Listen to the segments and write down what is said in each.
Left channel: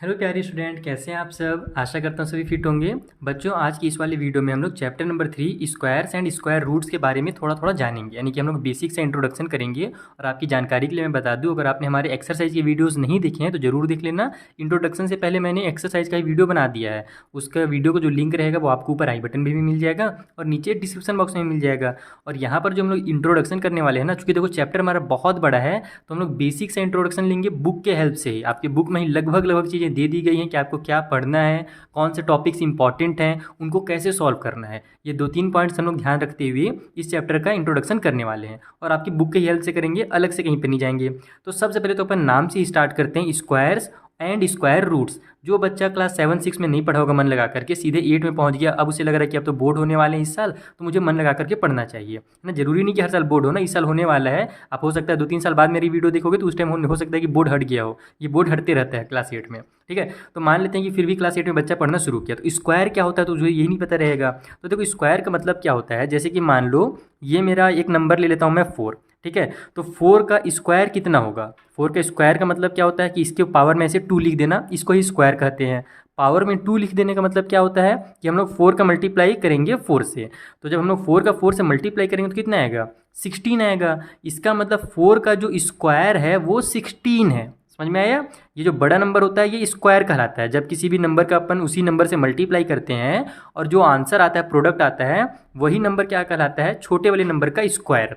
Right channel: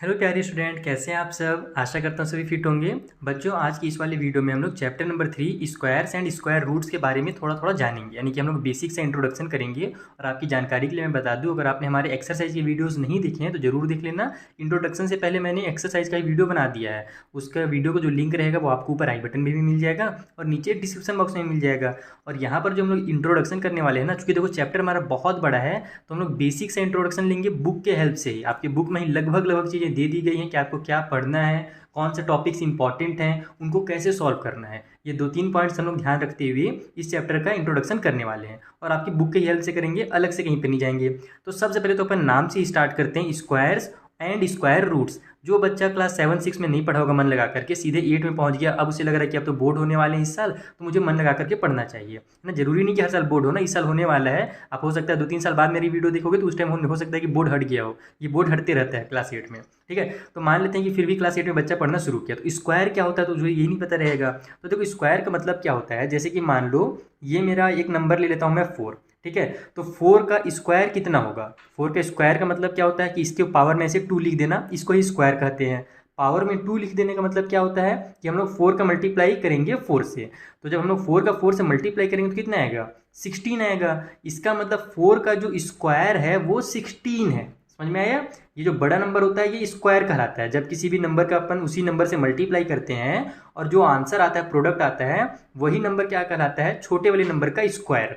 Hello प्यारे student, कैसे हैं आप सब। आशा करता हूँ सभी फिट होंगे। बच्चों, आज की इस वाली वीडियो में हम लोग chapter number 3 squares and square roots के बारे में थोड़ा थोड़ा जानेंगे। यानी कि हम लोग बेसिक से इंट्रोडक्शन करेंगे। और आपकी जानकारी के लिए मैं बता दूं, अगर आपने हमारे एक्सरसाइज की वीडियोज़ नहीं देखे हैं तो ज़रूर देख लेना। इंट्रोडक्शन से पहले मैंने एक्सरसाइज का ही वीडियो बना दिया है। उसका वीडियो का जो लिंक रहेगा वो आपको ऊपर आई बटन में भी मिल जाएगा और नीचे डिस्क्रिप्शन बॉक्स में मिल जाएगा। और यहाँ पर जो हम लोग इंट्रोडक्शन करने वाले हैं ना, चूँकि देखो चैप्टर हमारा बहुत बड़ा है, तो हम लोग बेसिक से इंट्रोडक्शन लेंगे बुक के हेल्प से ही। आपकी बुक में ही लगभग चीज़ें दे दी गई हैं कि आपको क्या पढ़ना है, कौन से टॉपिक्स इंपॉर्टेंट हैं, उनको कैसे सॉल्व करना है। ये 2-3 पॉइंट्स हम लोग ध्यान रखते हुए इस चैप्टर का इंट्रोडक्शन करने वाले हैं और आपकी बुक की हेल्प से करेंगे, अलग से कहीं पर नहीं जाएंगे। तो सबसे पहले तो अपन नाम से ही स्टार्ट करते हैं, स्क्वायर्स एंड स्क्वायर रूट्स। जो बच्चा क्लास 7-6 में नहीं पढ़ा होगा मन लगा करके, सीधे 8 में पहुंच गया, अब उसे लग रहा है कि अब तो बोर्ड होने वाले हैं इस साल, तो मुझे मन लगा करके पढ़ना चाहिए ना। जरूरी नहीं कि हर साल बोर्ड हो ना, इस साल होने वाला है। आप हो सकता है 2-3 साल बाद मेरी वीडियो देखोगे तो उस टाइम हो सकता है कि बोर्ड हट गया हो। ये बोर्ड हटते रहता है क्लास 8 में, ठीक है। तो मान लेते हैं कि फिर भी क्लास 8 में बच्चा पढ़ना शुरू किया, तो स्क्वायर क्या होता है तो मुझे यही नहीं पता रहेगा। तो देखो स्क्वायर का मतलब क्या होता है, जैसे कि मान लो ये मेरा एक नंबर ले लेता हूँ मैं 4, ठीक है। तो 4 का स्क्वायर कितना होगा। 4 का स्क्वायर का मतलब क्या होता है कि इसके पावर में से 2 लिख देना, इसको ही स्क्वायर कहते हैं। पावर में 2 लिख देने का मतलब क्या होता है कि हम लोग 4 का मल्टीप्लाई करेंगे 4 से। तो जब हम लोग 4 का 4 से मल्टीप्लाई करेंगे तो कितना आएगा, 16 आएगा। इसका मतलब 4 का जो स्क्वायर है वो 16 है। समझ में आया। ये जो बड़ा नंबर होता है ये स्क्वायर कहलाता है। जब किसी भी नंबर का अपन उसी नंबर से मल्टीप्लाई करते हैं और जो आंसर आता है, प्रोडक्ट आता है, वही नंबर क्या कहलाता है, छोटे वाले नंबर का स्क्वायर।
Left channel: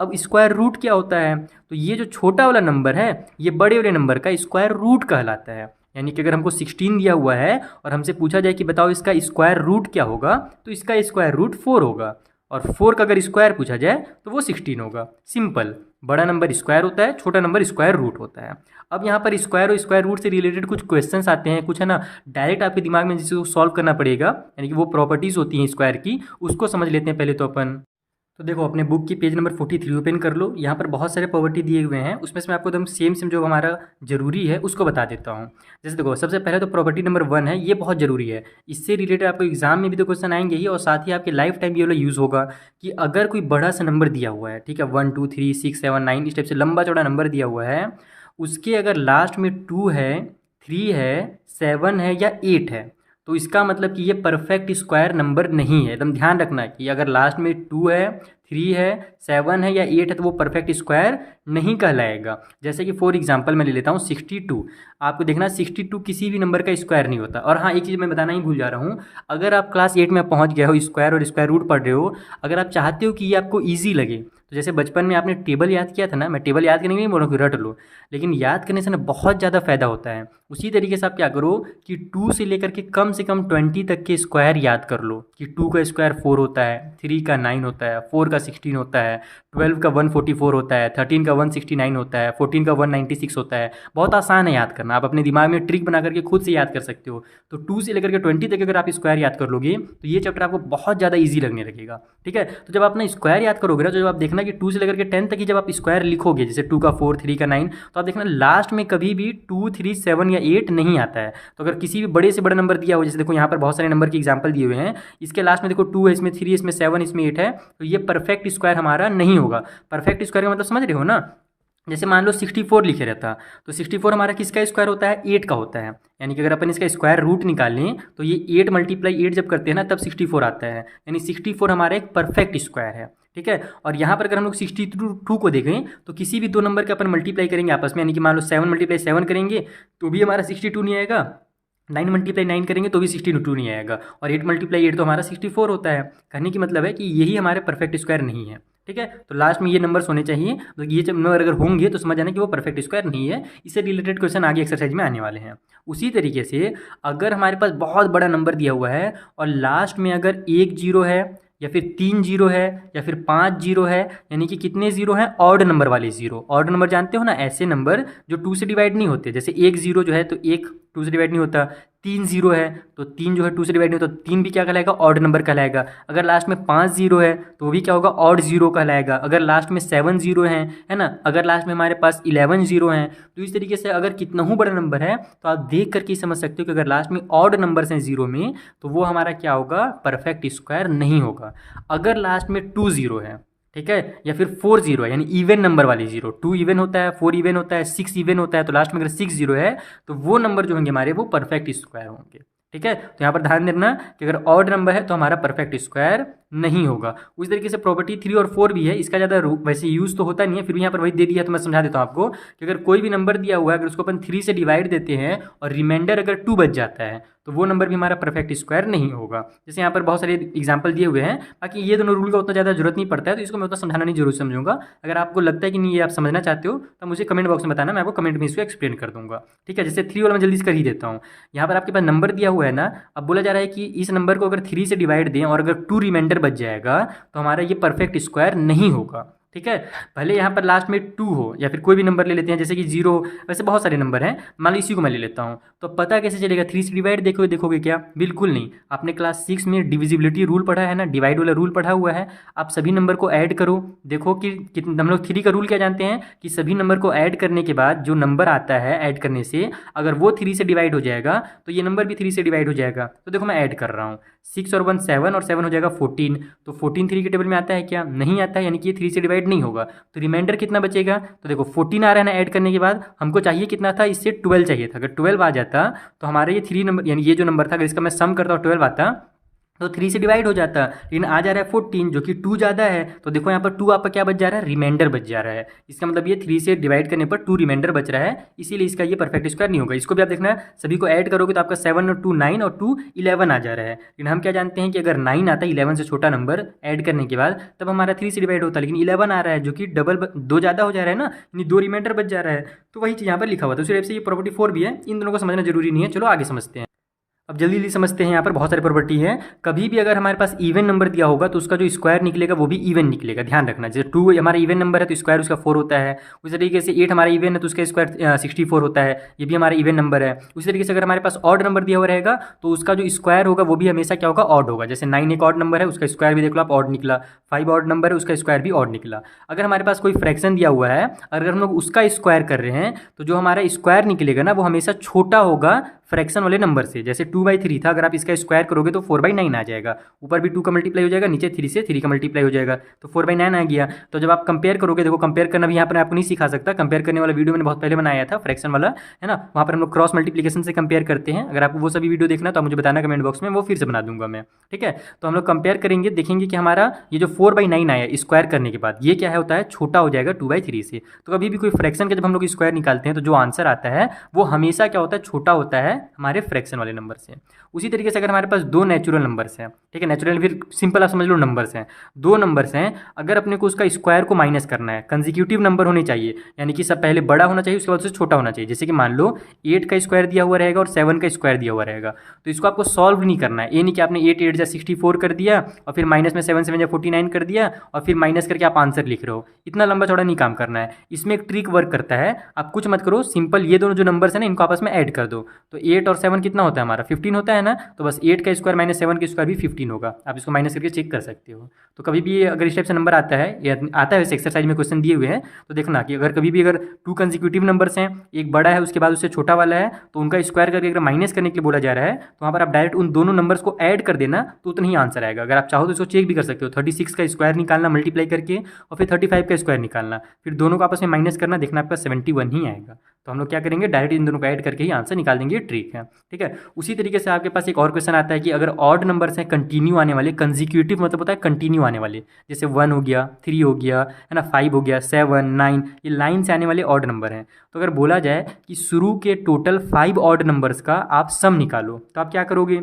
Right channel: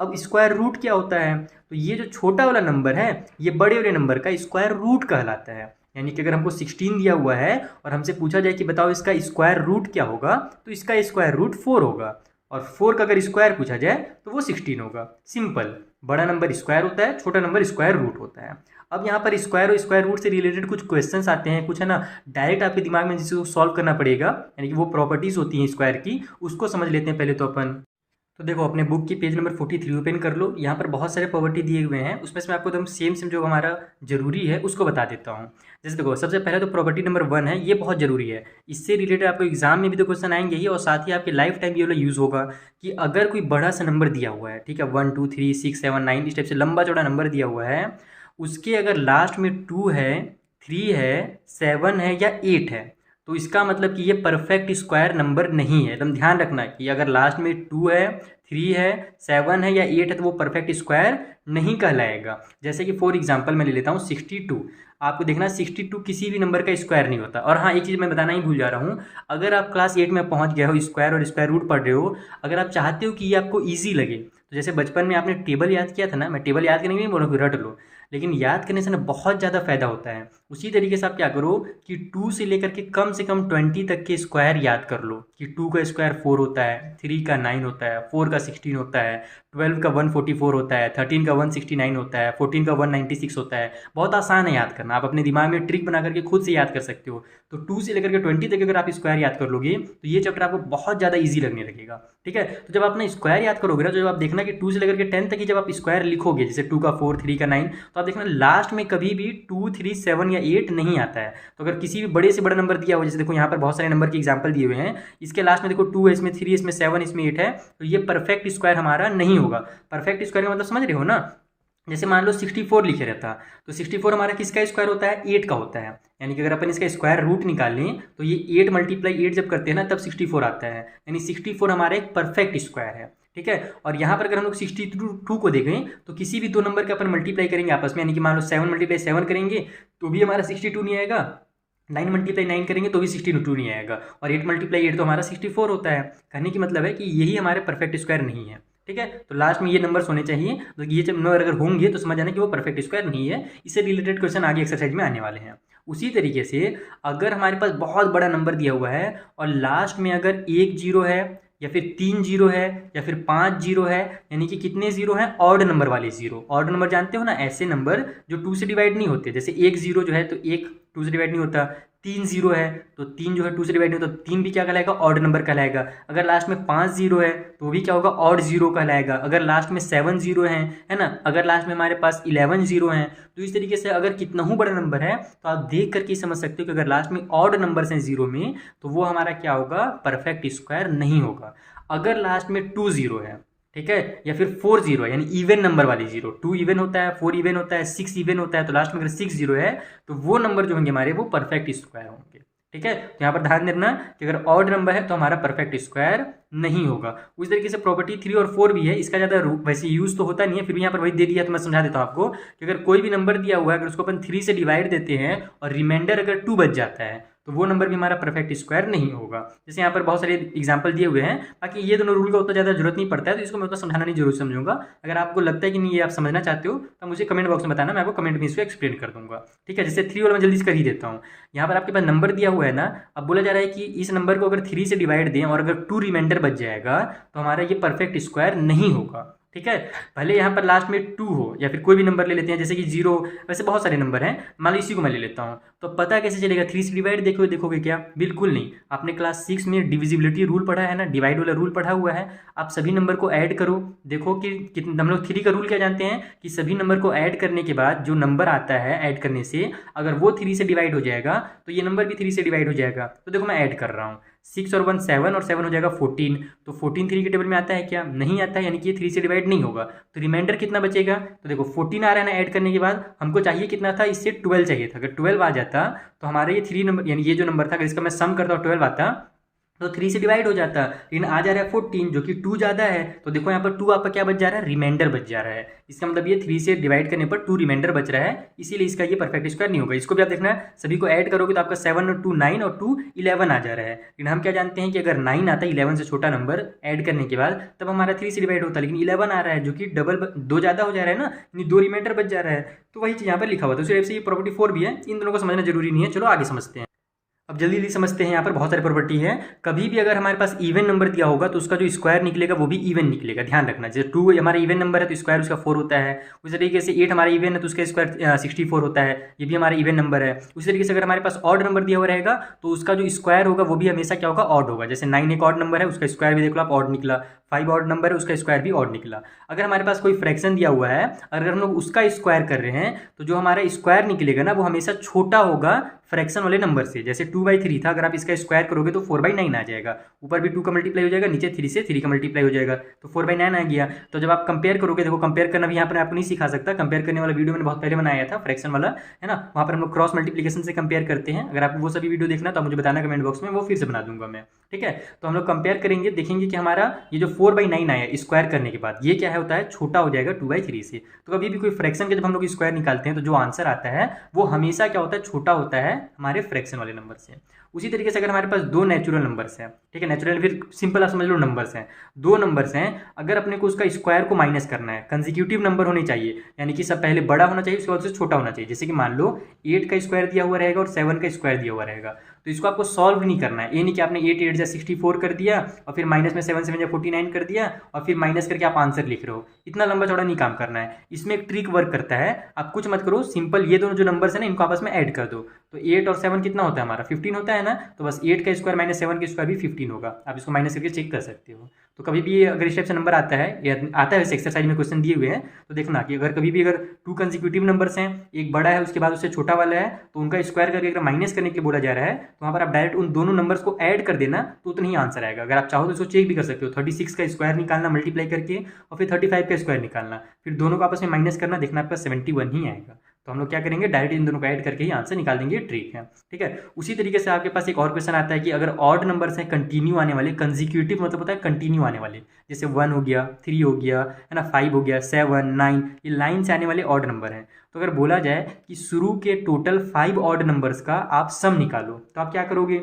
अब स्क्वायर रूट क्या होता है, तो ये जो छोटा वाला नंबर है ये बड़े वाले नंबर का स्क्वायर रूट कहलाता है। यानी कि अगर हमको 16 दिया हुआ है और हमसे पूछा जाए कि बताओ इसका स्क्वायर रूट क्या होगा, तो इसका स्क्वायर रूट 4 होगा। और 4 का अगर स्क्वायर पूछा जाए तो वो 16 होगा। सिंपल। बड़ा नंबर स्क्वायर होता है, छोटा नंबर स्क्वायर रूट होता है। अब यहाँ पर स्क्वायर और स्क्वायर रूट से रिलेटेड कुछ क्वेश्चंस आते हैं, कुछ है ना, डायरेक्ट आपके दिमाग में जिसको सॉल्व करना पड़ेगा, यानी कि वो प्रॉपर्टीज होती हैं स्क्वायर की, उसको समझ लेते हैं पहले तो अपन। तो देखो अपने बुक की पेज नंबर 43 ओपन कर लो। यहाँ पर बहुत सारे प्रॉपर्टी दिए हुए हैं, उसमें से मैं आपको एकदम सेम जो हमारा जरूरी है उसको बता देता हूँ। जैसे देखो सबसे पहले तो प्रॉपर्टी नंबर 1 है, ये बहुत जरूरी है। इससे रिलेटेड आपको एग्जाम में भी तो क्वेश्चन आएंगे ही, और साथ ही आपके लाइफ टाइम ये वाला यूज़ होगा कि अगर कोई बड़ा सा नंबर दिया हुआ है, ठीक है, 1 2 3 6 7 9 इस टाइप से लंबा चौड़ा नंबर दिया हुआ है, उसके अगर लास्ट में 2 है, 3 है, 7 है या 8 है, तो इसका मतलब कि ये परफेक्ट स्क्वायर नंबर नहीं है। एकदम ध्यान रखना कि अगर लास्ट में 2 है, 3 है, 7 है या 8 है तो वो परफेक्ट स्क्वायर नहीं कहलाएगा। जैसे कि फॉर एग्जांपल मैं ले लेता हूँ 62। आपको देखना 62 किसी भी नंबर का स्क्वायर नहीं होता। और हाँ, एक चीज़ मैं बताना ही भूल जा रहा हूँ, अगर आप क्लास 8 में पहुँच गए हो, स्क्वायर और स्क्वायर रूट पढ़ रहे हो, अगर आप चाहते हो कि ये आपको ईजी लगे, तो जैसे बचपन में आपने टेबल याद किया था ना, मैं टेबल याद करने नहीं बोल रहा हूँ कि रट लो, लेकिन याद करने से ना बहुत ज़्यादा फायदा होता है। उसी तरीके से आप क्या करो कि 2 से लेकर के कम से कम 20 तक के स्क्वायर याद कर लो कि 2 का स्क्वायर 4 होता है, 3 का 9 होता है, 4 का 16 होता है, 12 का 144 होता है, 13 का 169 होता है, 14 का 196 होता है। बहुत आसान है याद करना, आप अपने दिमाग में ट्रिक बना करके खुद से याद कर सकते हो। तो 2 से लेकर के 20 तक अगर आप स्क्वायर याद कर लोगे तो ये चैप्टर आपको बहुत ज़्यादा ईजी लगने लगेगा, ठीक है। तो जब आप अपना स्क्वायर याद करोगे ना, तो जब आप देखना कि 2 से लेकर के 10 तक ही जब आप स्क्वायर लिखोगे, जैसे 2 का 4, 3 का 9, तो आप देखना लास्ट में कभी भी 2 3 7 या 8 नहीं आता है। तो अगर किसी भी बड़े से बड़ा नंबर दिया हो, जैसे देखो यहाँ पर बहुत सारे नंबर के एग्जाम्पल दिए हुए हैं, इसके लास्ट में देखो 2 है, इसमें 3, इसमें 7, इसमें 8 है, तो ये परफेक्ट स्क्वायर हमारा नहीं होगा। परफेक्ट स्क्वायर का मतलब समझ रहे हो ना। जैसे मान लो 64 लिखे रहता, तो 64 हमारा किसका स्क्वायर होता है, 8 का होता है। यानी कि अगर अपन इसका स्क्वायर रूट निकालें तो ये 8 मल्टीप्लाई 8 जब करते हैं ना तब 64 आता है। यानी 64 हमारा एक परफेक्ट स्क्वायर है, ठीक है। और यहाँ पर अगर हम लोग 62 को देखें तो किसी भी दो नंबर का अपन मल्टीप्लाई करेंगे आपस में, यानी कि मान लो 7 मल्टीप्लाई 7 करेंगे तो भी हमारा 62 नहीं आएगा, 9 मल्टीप्लाई 9 करेंगे तो भी 62 नहीं आएगा, और 8 मल्टीप्लाई 8 तो हमारा 64 होता है। कहने की मतलब है कि यही हमारे परफेक्ट स्क्वायर नहीं है, ठीक है। तो लास्ट में ये नंबर्स होने चाहिए, तो ये जब नंबर अगर होंगे तो समझ आना कि वो परफेक्ट स्क्वायर नहीं है। इससे रिलेटेड क्वेश्चन आगे एक्सरसाइज में आने वाले हैं। उसी तरीके से अगर हमारे पास बहुत बड़ा नंबर दिया हुआ है और लास्ट में अगर 1 जीरो है या फिर 3 जीरो है या फिर 5 जीरो है, यानी कि कितने जीरो हैं, ऑड नंबर वाले जीरो। ऑड नंबर जानते हो ना, ऐसे नंबर जो 2 से डिवाइड नहीं होते। जैसे 1 जीरो जो है तो 1 2 से डिवाइड नहीं होता, 3 जीरो है तो 3 जो है 2 से डिवाइड नहीं होता, 3 भी क्या कहलाएगा, ऑड नंबर कहलाएगा। अगर लास्ट में 5 जीरो है तो भी क्या होगा, ऑड जीरो कहलाएगा। अगर लास्ट में 7 जीरो है ना, अगर लास्ट में हमारे पास 11 जीरो हैं, तो इस तरीके से अगर कितना ही बड़ा नंबर है तो आप देख करके समझ सकते हो कि अगर लास्ट में ऑड नंबर्स हैं जीरो में तो वो हमारा क्या होगा, परफेक्ट स्क्वायर नहीं होगा। अगर लास्ट में 2 जीरो है ठीक है, या फिर 4 जीरो है यानी इवन नंबर वाली जीरो, 2 इवन होता है, 4 इवन होता है, 6 इवन होता है, तो लास्ट में अगर 6 जीरो है तो वो नंबर जो होंगे हमारे वो परफेक्ट स्क्वायर होंगे। ठीक है, तो यहाँ पर ध्यान देना कि अगर ऑड नंबर है तो हमारा परफेक्ट स्क्वायर नहीं होगा। उस तरीके से प्रॉपर्टी 3 और 4 भी है, इसका ज़्यादा वैसे यूज़ तो होता नहीं है, फिर भी यहाँ पर वही दे दिया तो मैं समझा देता हूँ आपको कि अगर कोई भी नंबर दिया हुआ है अगर उसको अपन 3 से डिवाइड देते हैं और रिमाइंडर अगर 2 बच जाता है तो वो नंबर भी हमारा परफेक्ट स्क्वायर नहीं होगा। जैसे यहाँ पर बहुत सारे एग्जांपल दिए हुए हैं, बाकी ये दोनों रूल का उतना ज़्यादा जरूरत नहीं पड़ता है, तो इसको मैं उतना समझाना नहीं जरूर समझूंगा। अगर आपको लगता है कि नहीं ये आप समझना चाहते हो तो मुझे कमेंट बॉक्स में बताना, मैं आपको कमेंट में इसको एक्सप्लेन कर दूंगा। ठीक है, जैसे 3 वाला मैं जल्दी से कर ही देता हूँ। यहाँ पर आपके पास नंबर दिया हुआ है ना, अब बोला जा रहा है कि इस नंबर को अगर 3 से डिवाइड दें और अगर 2 रिमाइंडर बच जाएगा तो हमारा ये परफेक्ट स्क्वायर नहीं होगा। ठीक है, भले यहाँ पर लास्ट में 2 हो या फिर कोई भी नंबर ले लेते हैं जैसे कि 0, वैसे बहुत सारे नंबर हैं, मान लो इसी को मैं ले लेता हूँ, तो पता कैसे चलेगा 3 से डिवाइड देखोगे क्या? बिल्कुल नहीं। आपने क्लास 6 में डिविजिबिलिटी रूल पढ़ा है ना, डिवाइड वाला रूल पढ़ा हुआ है। आप सभी नंबर को ऐड करो, देखो कि कितना, हम लोग 3 का रूल क्या जानते हैं कि सभी नंबर को ऐड करने के बाद जो नंबर आता है ऐड करने से अगर वो 3 से डिवाइड हो जाएगा तो ये नंबर भी 3 से डिवाइड हो जाएगा। तो देखो मैं ऐड कर रहा हूँ, 6 और 1 7 और 7 हो जाएगा 14, तो 14 3 के टेबल में आता है क्या? नहीं आता है, यानी कि ये 3 से डिवाइड नहीं होगा। तो रिमाइंडर कितना बचेगा? तो देखो 14 आ रहा है ना ऐड करने के बाद, हमको चाहिए कितना था? इससे 12 चाहिए था। अगर 12 आ जाता तो हमारा ये 3 नंबर यानी ये जो नंबर था अगर इसका मैं सम करता हूँ 12 आता तो 3 से डिवाइड हो जाता, लेकिन आ जा रहा है 14 जो कि 2 ज़्यादा है। तो देखो यहाँ पर 2 आपका क्या बच जा रहा है? रिमाइंडर बच जा रहा है। इसका मतलब ये 3 से डिवाइड करने पर 2 रिमाइंडर बच रहा है, इसीलिए इसका ये परफेक्ट स्क्वायर नहीं होगा। इसको भी आप देखना सभी को ऐड करोगे तो आपका 7 और 2 9 और 2 11 आ जा रहा है। लेकिन हम क्या जानते हैं कि अगर 9 आता है 11 से छोटा नंबर ऐड करने के बाद तब हमारा 3 से डिवाइड होता है, लेकिन 11 आ रहा है जो कि डबल 2 ज़्यादा हो जा रहा है ना, यानी 2 रिमाइंडर बच जा रहा है। तो वही चीज़ यहाँ पर लिखा हुआ था, उसी वजह से ये प्रॉपर्टी 4 भी है। इन दोनों को समझना जरूरी नहीं है। चलो आगे समझते हैं। अब जल्दी जल्दी समझते हैं। यहाँ पर बहुत सारे प्रॉपर्टी है। कभी भी अगर हमारे पास इवन नंबर दिया होगा तो उसका जो स्क्वायर निकलेगा वो भी इवन निकलेगा, ध्यान रखना। जैसे 2 हमारा इवन नंबर है तो स्क्वायर उसका 4 होता है। उसी तरीके से 8 हमारा इवन है तो उसका स्क्वायर 64 होता है, ये भी हमारा इवन नंबर है। उसी तरीके से अगर हमारे पास ऑड नंबर दिया हुआ रहेगा तो उसका जो स्क्वायर होगा वो भी हमेशा क्या होगा? ऑड होगा। जैसे 9 एक ऑड नंबर है, उसका स्क्वायर भी देख लो आप ऑड निकला। 5 ऑड नंबर है, उसका स्क्वायर भी ऑड निकला। अगर हमारे पास कोई फ्रैक्शन दिया हुआ है, अगर हम लोग उसका स्क्वायर कर रहे हैं तो जो हमारा स्क्वायर निकलेगा ना वो हमेशा छोटा होगा फ्रैक्शन वाले नंबर से। जैसे 2/3 था, अगर आप इसका स्क्वायर करोगे तो 4/9 आ जाएगा। ऊपर भी 2 का मल्टीप्लाई हो जाएगा, नीचे 3 से 3 का मल्टीप्लाई हो जाएगा, तो 4/9 आ गया। तो जब आप कंपेयर करोगे, देखो कंपेयर करना भी यहाँ पर आपको नहीं सिखा सकता, कंपेयर करने वाला वीडियो मैंने बहुत पहले बनाया था फ्रैक्शन वाला, है ना। वहाँ पर हम लोग क्रॉस मल्टीप्लिकेशन से कंपेयर करते हैं। अगर आपको वो सभी वीडियो देखना है तो आप मुझे बताना कमेंट बॉक्स में, वो फिर से बना दूंगा मैं। ठीक है, तो हम लोग कंपेयर करेंगे, देखेंगे कि हमारा ये जो 4/9 आया स्क्वायर करने के बाद ये क्या है होता है? छोटा हो जाएगा 2/3 से। तो कभी भी कोई फ्रैक्शन का जब हम लोग स्क्वायर निकालते हैं तो जो आंसर आता है वो हमेशा क्या होता है? छोटा होता है हमारे फ्रैक्शन वाले नंबर से। उसी तरीके से अगर हमारे पास 2 नेचुरल नंबर्स हैं, ठीक है, नेचुरल फिर सिंपल आप समझ लो नंबर्स हैं, 2 नंबर्स हैं, अगर अपने को उसका स्क्वायर को माइनस करना है, कंसेक्यूटिव नंबर होने चाहिए, यानी कि सब पहले बड़ा होना चाहिए उसके बाद उससे छोटा होना चाहिए। जैसे कि मान लो 8 का स्क्वायर दिया हुआ रहेगा और 7 का स्क्वायर दिया हुआ रहेगा, तो इसको आपको सॉल्व नहीं करना है। ये नहीं कि आपने 8 8 जा 64 कर दिया और फिर माइनस में 7 7 जा 49 कर दिया और फिर माइनस करके आप आंसर लिख रहे हो, इतना लंबा चौड़ा नहीं काम करना है। इसमें एक ट्रिक वर्क करता है, आप कुछ मत करो, सिंपल ये दोनों जो नंबर्स है ना इनको आपस में ऐड कर दो। तो 8 और 7 कितना होता है हमारा? 15 होता है ना, तो बस 8 का स्क्वायर माइनस 7 का स्क्वायर भी 15 होगा। आप इसको माइनस करके चेक कर सकते हो। तो कभी भी अगर इस टाइप से नंबर आता है या आता है, इस एक्सरसाइज में क्वेश्चन दिए हुए हैं, तो देखना कि अगर कभी भी अगर 2 कंसेक्यूटिव नंबर्स हैं, एक बड़ा है उसके बाद उससे छोटा वाला है, तो उनका स्क्वायर करके अगर माइनस करने के लिए बोला जा रहा है तो वहाँ पर आप डायरेक्ट उन दोनों नंबर्स को ऐड कर देना तो उतना ही आंसर आएगा। अगर आप चाहो तो इसको चेक भी कर सकते हो, 36 का स्क्वायर निकालना मल्टीप्लाई करके और फिर 35 का स्क्वायर निकालना, फिर दोनों को आपस में माइनस करना, देखना आपका 71 ही आएगा। तो हम लोग क्या करेंगे? डायरेक्ट इन दोनों को ऐड करके ही आंसर निकाल देंगे, ट्रिक है। ठीक है, उसी तरीके से आपके पास एक और क्वेश्चन आता है कि अगर ऑड नंबर्स हैं कंटिन्यू आने वाले, कंसेक्यूटिव मतलब होता है कंटिन्यू आने वाले, जैसे 1 हो गया, 3 हो गया, है ना, 5 हो गया, 7 9, ये लाइन से आने वाले ऑड नंबर हैं। तो अगर बोला जाए कि शुरू के टोटल 5 ऑड नंबर्स का आप सम निकालो, तो आप क्या करोगे?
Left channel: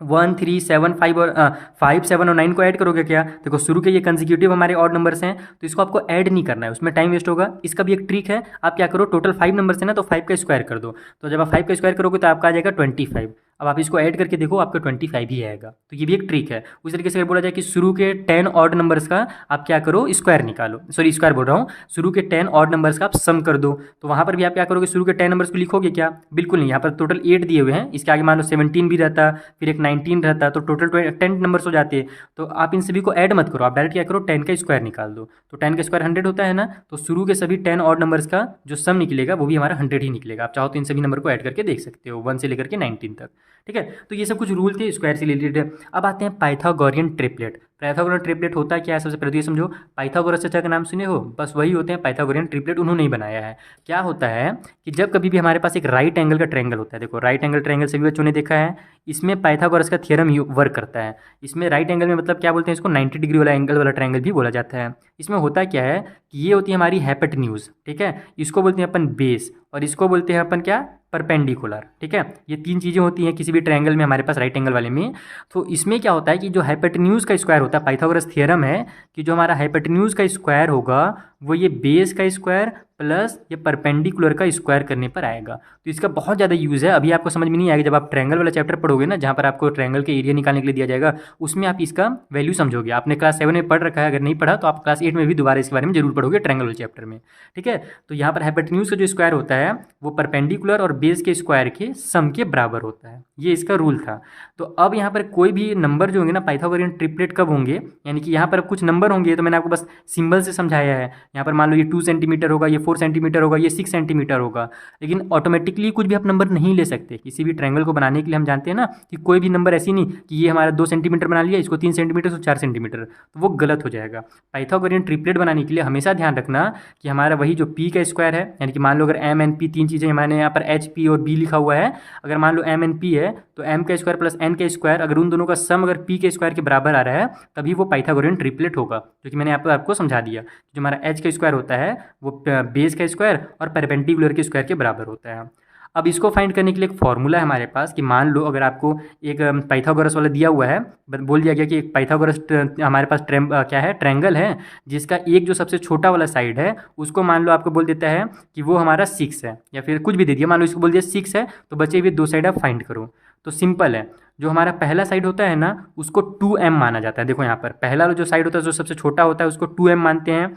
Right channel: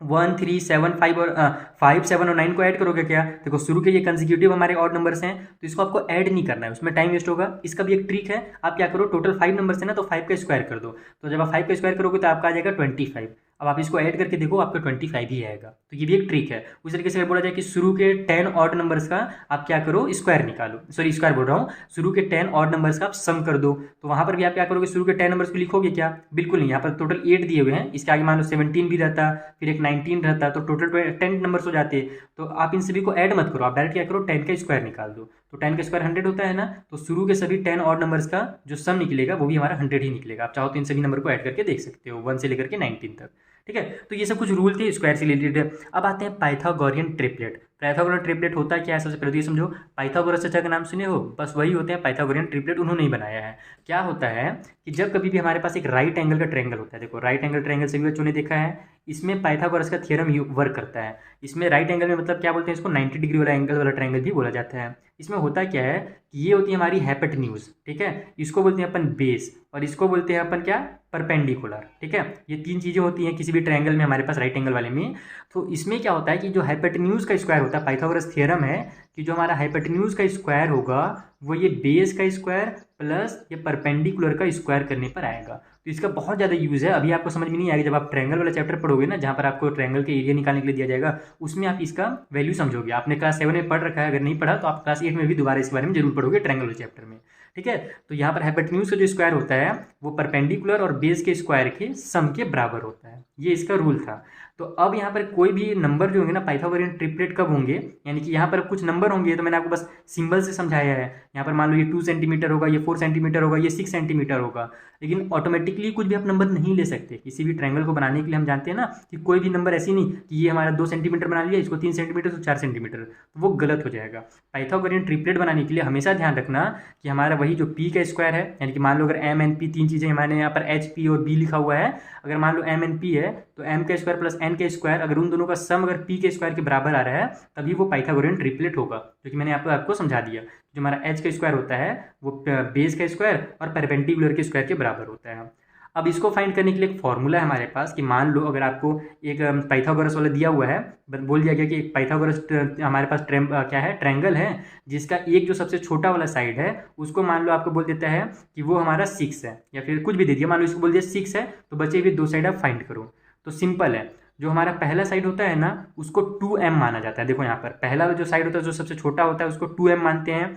1 3 7 5 और 5 7 और 9 को ऐड करोगे क्या? देखो शुरू के ये कंसेक्यूटिव हमारे ऑड नंबर्स हैं तो इसको आपको ऐड नहीं करना है, उसमें टाइम वेस्ट होगा। इसका भी एक ट्रिक है, आप क्या करो, टोटल 5 नंबर्स है ना तो 5 का स्क्वायर कर दो, तो जब आप 5 का स्क्वायर करोगे तो आपका आ जाएगा 25। अब आप इसको ऐड करके देखो, आपका 25 ही आएगा। तो ये भी एक ट्रिक है। उस तरीके से अगर बोला जाए कि शुरू के 10 ऑड नंबर्स का आप क्या करो, स्क्वायर निकालो, सॉरी स्क्वायर बोल रहा हूँ, शुरू के 10 ऑड नंबर्स का आप सम कर दो, तो वहाँ पर भी आप क्या करोगे, शुरू के 10 नंबर्स को लिखोगे क्या? बिल्कुल नहीं, यहाँ पर टोटल 8 दिए हुए हैं, इसके आगे मान लो 17 भी रहता, फिर एक 19 रहता, तो टोटल 10 नंबर्स हो जाते। तो आप इन सभी को ऐड मत करो, आप डायरेक्ट क्या करो, 10 का स्क्वायर निकाल दो। तो 10 का स्क्वायर 100 होता है ना, तो शुरू के सभी 10 ऑड नंबर्स का जो सम निकलेगा वो भी हमारा 100 ही निकलेगा। आप चाहो तो इन सभी नंबर को ऐड करके देख सकते हो 1 से लेकर के 19 तक। ठीक है। तो ये सब कुछ रूल थे स्क्वायर से रिलेटेड। अब आते हैं पाइथागोरियन ट्रिपलेट। पाइथागोरियन ट्रिपलेट होता क्या है, सबसे पहले तो ये समझो। पाइथागोरस चाचा का नाम सुने हो, बस वही होते हैं पाइथागोरियन ट्रिपलेट, उन्होंने ही बनाया है। क्या होता है कि जब कभी भी हमारे पास एक राइट एंगल का ट्रायंगल होता है, देखो राइट एंगल ट्रायंगल सभी बच्चों ने देखा है, इसमें पाइथागोरस का थ्योरम वर्क करता है। इसमें राइट एंगल में मतलब क्या बोलते हैं, इसको 90 डिग्री वाला एंगल वाला ट्रायंगल भी बोला जाता है। इसमें होता क्या है कि ये होती है हमारी हाइपोटेन्यूज, ठीक है, इसको बोलते हैं अपन बेस, और इसको बोलते हैं अपन क्या, परपेंडिकुलर, ठीक है। ये तीन चीज़ें होती हैं किसी भी ट्रायंगल में, हमारे पास राइट एंगल वाले में। तो इसमें क्या होता है कि जो हाइपोटेन्यूज का स्क्वायर होता है, पाइथागोरस थ्योरम है कि जो हमारा हाइपोटेन्यूज का स्क्वायर होगा वो ये बेस का स्क्वायर प्लस ये परपेंडिकुलर का स्क्वायर करने पर आएगा। तो इसका बहुत ज़्यादा यूज़ है। अभी आपको समझ में नहीं आएगा, जब आप ट्रायंगल वाला चैप्टर पढ़ोगे ना, जहाँ पर आपको ट्रायंगल के एरिया निकालने के लिए दिया जाएगा, उसमें आप इसका वैल्यू समझोगे। आपने क्लास 7 में पढ़ रखा है, अगर नहीं पढ़ा तो आप क्लास 8 में भी दोबारा इसके बारे में जरूर पढ़ोगे ट्रायंगल वाले चैप्टर में, ठीक है। तो यहाँ पर हाइपोटेन्यूज का जो स्क्वायर होता है वो परपेंडिकुलर और बेस के स्क्वायर के सम के बराबर होता है, ये इसका रूल था। तो अब यहाँ पर कोई भी नंबर जो होंगे ना, पाइथागोरियन ट्रिपलेट कब होंगे, यानी कि यहाँ पर कुछ नंबर होंगे, तो मैंने आपको बस सिंबल से समझाया है। यहाँ पर मान लो ये 2 सेंटीमीटर होगा, ये 4 सेंटीमीटर होगा, ये 6 सेंटीमीटर होगा, लेकिन ऑटोमेटिकली कुछ भी आप नंबर नहीं ले सकते। किसी भी ट्रायंगल को बनाने के लिए हम जानते हैं ना कि कोई भी नंबर ऐसी नहीं कि ये हमारा 2 सेंटीमीटर बना लिया, इसको 3 सेंटीमीटर तो 4 सेंटीमीटर, तो वो गलत हो जाएगा। पाइथागोरियन ट्रिपलेट बनाने के लिए हमेशा ध्यान रखना कि हमारा वही जो पी का स्क्वायर है, यानी कि मान लो अगर एम एन पी तीन चीज़ें, मैंने यहाँ पर एच पी और बी लिखा हुआ है, अगर मान लो एम एन पी है तो एम का स्क्वायर प्लस एन का स्क्वायर, अगर उन दोनों का सम अगर पी के स्क्वायर के बराबर आ रहा है तभी वो पाइथागोरियन ट्रिपलेट होगा, जो कि मैंने आपको समझा दिया। जो हमारा एच का स्क्वायर होता है वो बेस का स्क्वायर और परपेंडिकुलर के स्क्वायर के बराबर होता है। अब इसको फाइंड करने के लिए एक फॉर्मूला है हमारे पास कि मान लो अगर आपको एक पाइथागोरस वाला दिया हुआ है, बोल दिया गया कि एक पाइथागोरस हमारे पास क्या है, ट्रायंगल है, जिसका एक जो सबसे छोटा वाला साइड है उसको मान लो आपको बोल देता है कि वो हमारा 6 है, या फिर कुछ भी दे दिया, मान लो इसको बोल दिया 6 है, तो बचे हुए दो साइड आप फाइंड करो। तो सिंपल है, जो हमारा पहला साइड होता है ना उसको 2m माना जाता है। देखो यहाँ पर पहला जो साइड होता है, जो सबसे छोटा होता है, उसको 2m मानते हैं।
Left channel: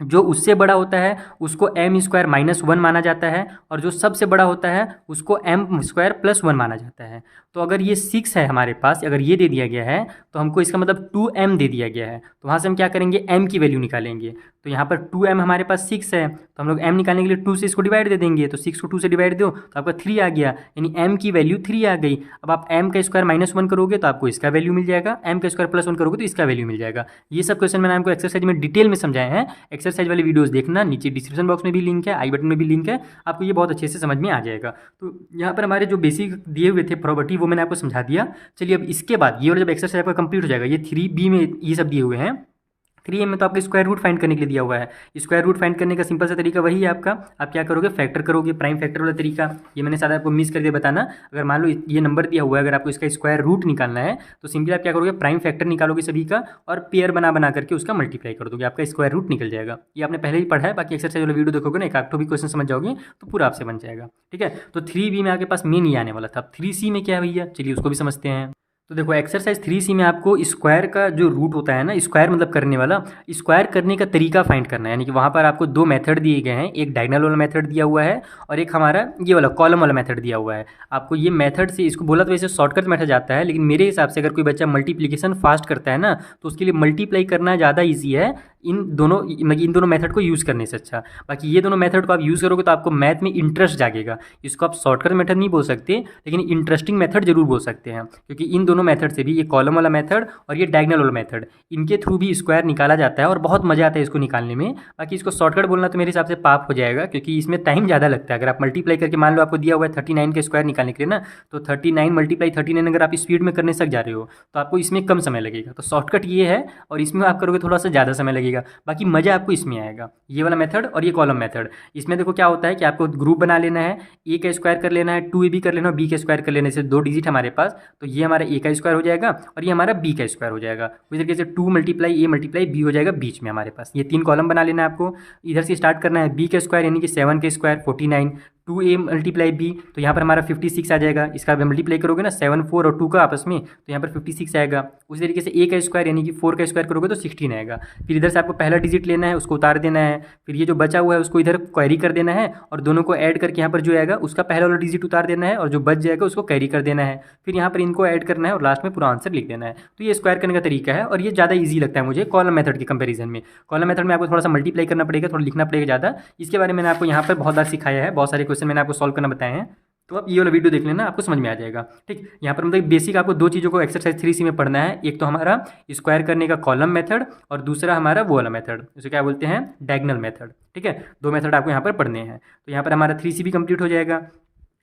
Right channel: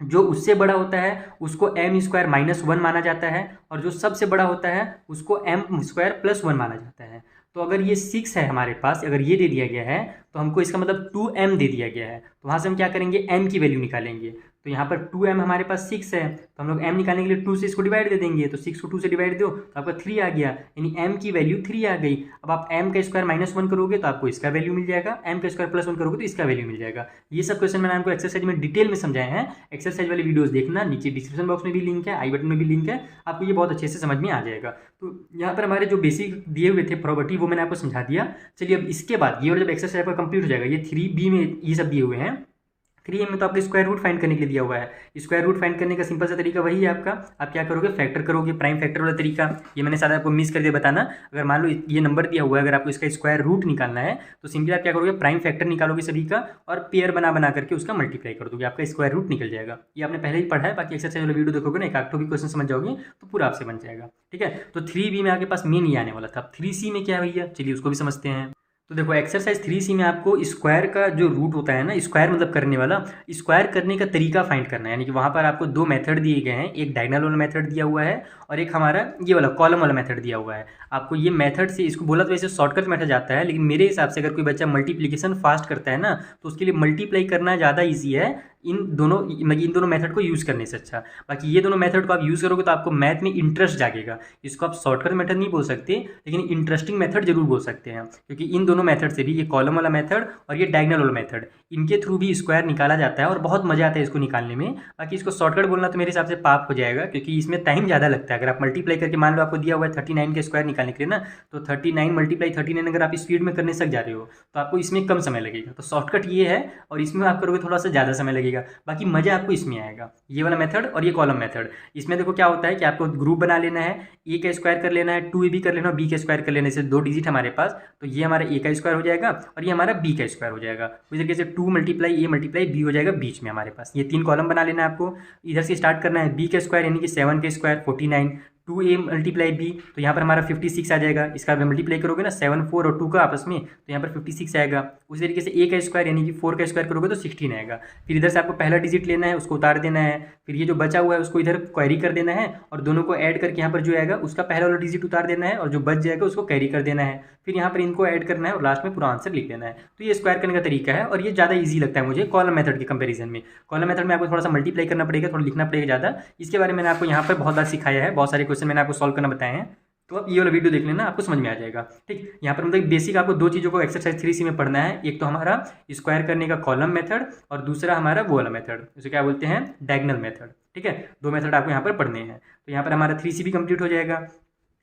जो उससे बड़ा होता है उसको एम स्क्वायर माइनस 1 माना जाता है, और जो सबसे बड़ा होता है उसको एम स्क्वायर प्लस 1 माना जाता है। तो अगर ये 6 है हमारे पास, अगर ये दे दिया गया है तो हमको इसका मतलब 2m दे दिया गया है, तो वहाँ से हम क्या करेंगे, m की वैल्यू निकालेंगे। तो यहाँ पर 2m हमारे पास 6 है, तो हम लोग m निकालने के लिए 2 से इसको डिवाइड दे देंगे, तो 6 को 2 से डिवाइड दो तो आपका 3 आ गया, यानी m की वैल्यू 3 आ गई। अब आप m का स्क्वायर माइनस 1 करोगे तो आपको इसका वैल्यू मिल जाएगा, m का स्क्वायर प्लस 1 करोगे तो इसका वैल्यू मिल जाएगा। ये सब क्वेश्चन मैंने आपको एक्सरसाइज में डिटेल में समझाए हैं। एक्सरसाइज वाली वीडियोस देखना, नीचे डिस्क्रिप्शन बॉक्स में भी लिंक है, आई बटन में भी लिंक है, आपको ये बहुत अच्छे से समझ में आ जाएगा। तो यहाँ पर हमारे जो बेसिक दिए हुए थे प्रॉपर्टी वो मैंने आपको समझा दिया। चलिए अब इसके बाद ये वाला जब एक्सरसाइज आपका कंप्लीट हो जाएगा, ये 3b में ये सब दिए हुए हैं, 3a में तो आपको स्क्वायर रूट फाइंड करने के लिए दिया हुआ है। स्क्वायर रूट फाइंड करने का सिंपल सा तरीका वही है आपका, आप क्या करोगे, फैक्टर करोगे, प्राइम फैक्टर वाला तरीका। ये मैंने शायद आपको मिस कर दिया बताना, अगर मान लो ये नंबर दिया हुआ है, अगर आपको इसका स्क्वायर रूट निकालना है तो सिंपली आप क्या करोगे, प्राइम फैक्टर निकालोगे सभी का और पेयर बना करके उसका मल्टीप्लाई कर दोगे, आपका स्क्वायर रूट निकल जाएगा। ये आपने पहले ही पढ़ा है, बाकी एक्सरसाइज वाला वीडियो देखोगे ना, एक आठ भी क्वेश्चन समझ जाओगे तो पूरा आपसे बन जाएगा, ठीक है। तो 3b में आपके पास मेन ये आने वाला था। 3c में क्या है भैया, चलिए उसको भी समझते हैं। तो देखो एक्सरसाइज 3c में आपको स्क्वायर का जो रूट होता है ना, स्क्वायर मतलब करने वाला, स्क्वायर करने का तरीका फाइंड करना है। यानी कि वहाँ पर आपको दो मेथड दिए गए हैं, एक डायगोनल वाला मेथड दिया हुआ है और एक हमारा ये वाला कॉलम वाला मेथड दिया हुआ है। आपको ये मेथड से, इसको बोला तो वैसे शॉर्टकट मेथड जाता है, लेकिन मेरे हिसाब से अगर कोई बच्चा मल्टीप्लिकेशन फास्ट करता है ना तो उसके लिए मल्टीप्लाई करना ज़्यादा ईजी है इन दोनों मेथड को यूज़ करने से अच्छा। बाकी ये दोनों मेथड को आप यूज़ करोगे तो आपको मैथ में इंटरेस्ट जागेगा। इसको आप शॉर्टकट मेथड नहीं बोल सकते, लेकिन इंटरेस्टिंग मेथड जरूर बोल सकते हैं, क्योंकि इन दोनों मेथड से भी, ये कॉलम वाला मेथड और ये डायगोनल वाला मेथड, इनके थ्रू भी स्क्वायर निकाला जाता है और बहुत मज़ा आता है इसको निकालने में। बाकी इसको शॉर्टकट बोलना तो मेरे हिसाब से पाप हो जाएगा, क्योंकि इसमें टाइम ज़्यादा लगता है। अगर आप मल्टीप्लाई करके, मान लो आपको दिया हुआ है 39 के स्क्वायर निकालने के लिए ना, तो 39 मल्टीप्लाई 39 अगर आप स्पीड में करने सक जा रहे हो तो आपको इसमें कम समय लगेगा। तो शॉर्टकट ये है, और इसमें आप करोगे थोड़ा सा ज़्यादा समय लगेगा। बाकी मज़ा आपको इसमें आएगा, ये वाला मेथड और ये कॉलम मेथड। इसमें देखो क्या होता है कि आपको ग्रुप बना लेना है, ए का स्क्वायर कर लेना है, 2ab कर लेना, बी का स्क्वायर कर लेने से 2 डिजिट हमारे पास, तो ये हमारा ए का स्क्वायर हो जाएगा और ये हमारा बी का स्क्वायर हो जाएगा। इस तरीके से 2 मल्टीप्लाई ए मल्टीप्लाई बी हो जाएगा बीच में हमारे पास। ये 3 कॉलम बना लेना है आपको। इधर से स्टार्ट करना है, बी का स्क्वायर यानी कि 7 के स्क्वायर 49, 2a मल्टीप्लाई b, तो यहाँ पर हमारा 56 आ जाएगा। इसका मल्टीप्लाई करोगे ना 7 4 और 2 का आपस में, तो यहाँ पर 56 आएगा। उसी तरीके से a का स्क्वायर यानी कि 4 का स्क्वायर करोगे तो 16 आएगा। फिर इधर से आपको पहला डिजिट लेना है, उसको उतार देना है, फिर ये जो बचा हुआ है उसको इधर कैरी कर देना है और दोनों को ऐड करके यहाँ पर जो आएगा उसका पहला वाला डिजिट उतार देना है और जो बच जाएगा उसको कैरी कर देना है। फिर यहाँ पर इनको ऐड करना है और लास्ट में पूरा आंसर लिख देना है। तो ये स्क्वायर करने का तरीका है और ये ज़्यादा ईजी लगता है मुझे कॉलम मेथड के कंपेरिजन में। कॉलम मेथड में आपको थोड़ा सा मल्टीप्लाई करना पड़ेगा, थोड़ा लिखना पड़ेगा ज़्यादा। इसके बारे में मैंने आपको यहाँ पर बहुत बार सिखाया है, बहुत सारे क्वेश्चन मैंने आपको सॉल्व करना बताए हैं। तो आप ये वाला वीडियो देख लेना, आपको समझ में आ जाएगा। ठीक, यहाँ पर मतलब बेसिक आपको दो चीज़ों को एक्सरसाइज 3C में पढ़ना है। एक तो हमारा स्क्वायर करने का कॉलम मेथड और दूसरा हमारा वो वाला मेथड, उसे क्या बोलते हैं, डायगोनल मेथड। ठीक है, दो मेथड आपको यहाँ पर पढ़ने हैं। तो यहाँ पर हमारा 3C भी कंप्लीट हो जाएगा।